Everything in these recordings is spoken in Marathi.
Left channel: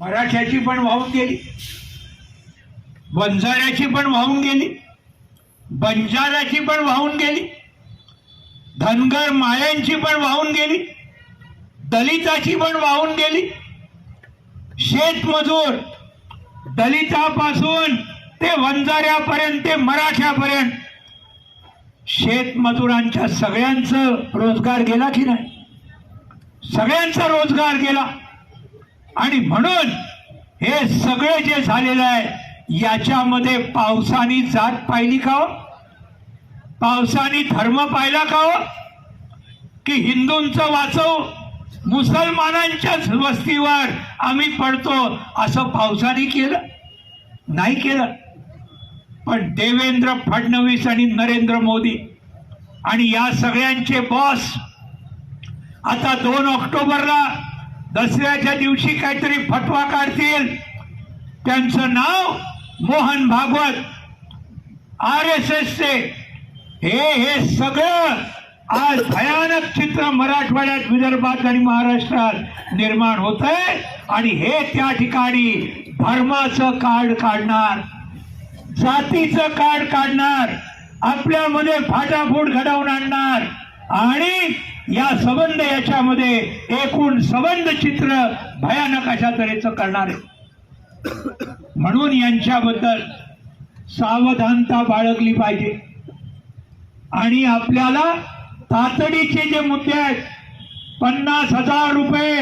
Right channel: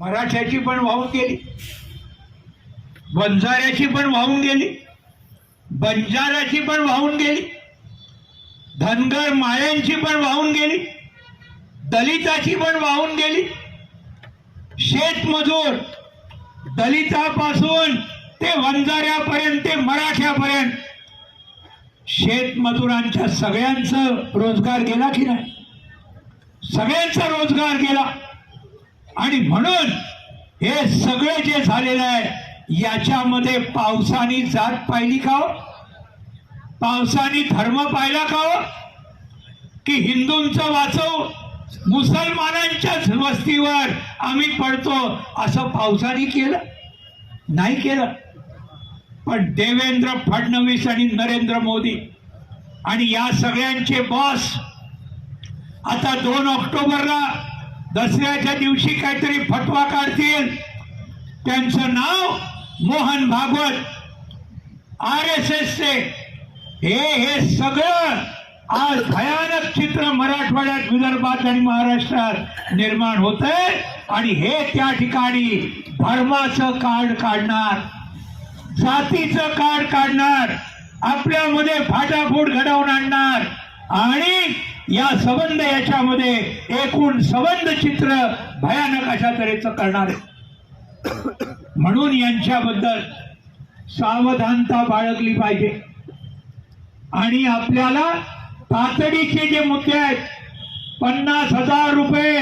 मराठ्याची पण वाहून गेली. बंजाऱ्याची पण वाहून गेली. बंजाराची पण वाहून गेली. धनगर माळ्यांची पण वाहून गेली. दलिताची पण वाहून गेली. शेतमजूर दलितापासून ते वंजाऱ्यापर्यंत ते मराठ्यापर्यंत. शेतमजुरांच्या सगळ्यांचं रोजगार गेला की नाही? सगळ्यांचा रोजगार गेला. आणि म्हणून हे सगळे जे झालेलं आहे याच्यामध्ये पावसाने जात पाहिली का हो? पावसाने धर्म पाहिला का हो? की हिंदूंचं वाचव मुसलमानांच्याच वस्तीवर आम्ही पडतो असं पावसाने केलं? नाही केलं. पण देवेंद्र फडणवीस आणि नरेंद्र मोदी आणि या सगळ्यांचे बॉस आता दोन ऑक्टोबरला दसऱ्याच्या दिवशी काहीतरी फटवा काढतील. त्यांचं नाव मोहन भागवत. आर एस एसचे. हे हे सगळं आज भयानक चित्र मराठवाड्यात विदर्भात आणि महाराष्ट्रात निर्माण होत आहे आणि हे त्या ठिकाणी धर्माचं कार्ड काढणार जातीचं कार्ड काढणार आपल्यामध्ये फाटाफूट घडवून आणणार. आणि या संबंध याच्यामध्ये एकूण सबंध चित्र भयानक अशा तऱ्हेचं करणार आहे. म्हणून यांच्याबद्दल सावधानता बाळगली पाहिजे. आणि आपल्याला तातडीचे जे मुद्दे आहेत पन्नास हजार रुपये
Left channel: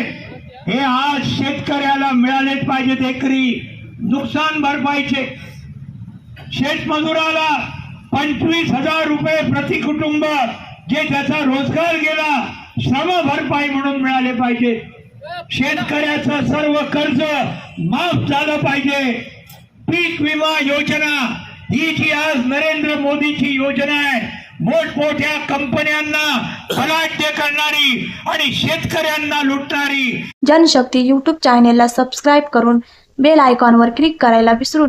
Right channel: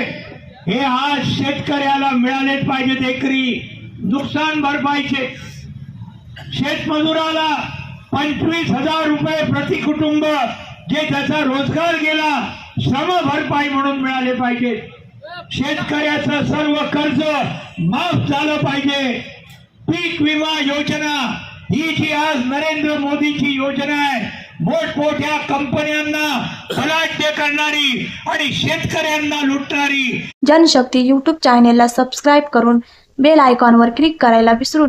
हे आज शेतकऱ्याला मिळालेच पाहिजेत एकरी नुकसान भरपाईचे. शेतमजुराला पंचवीस हजार रुपये प्रति कुटुंब जे त्याचा रोजगार गेला श्रम भरपाई म्हणून मिळाले पाहिजे. शेतकऱ्याचं सर्व कर्ज माफ झालं पाहिजे. पीक विमा योजना ही जी आज नरेंद्र मोदीची योजना आहे मोठमोठ्या कंपन्यांना फलाढ्य करणारी आणि शेतकऱ्यांना लुटणारी. जनशक्ती युट्यूब चॅनेलला सबस्क्राईब करून बेल आयकॉनवर क्लिक करायला विसरू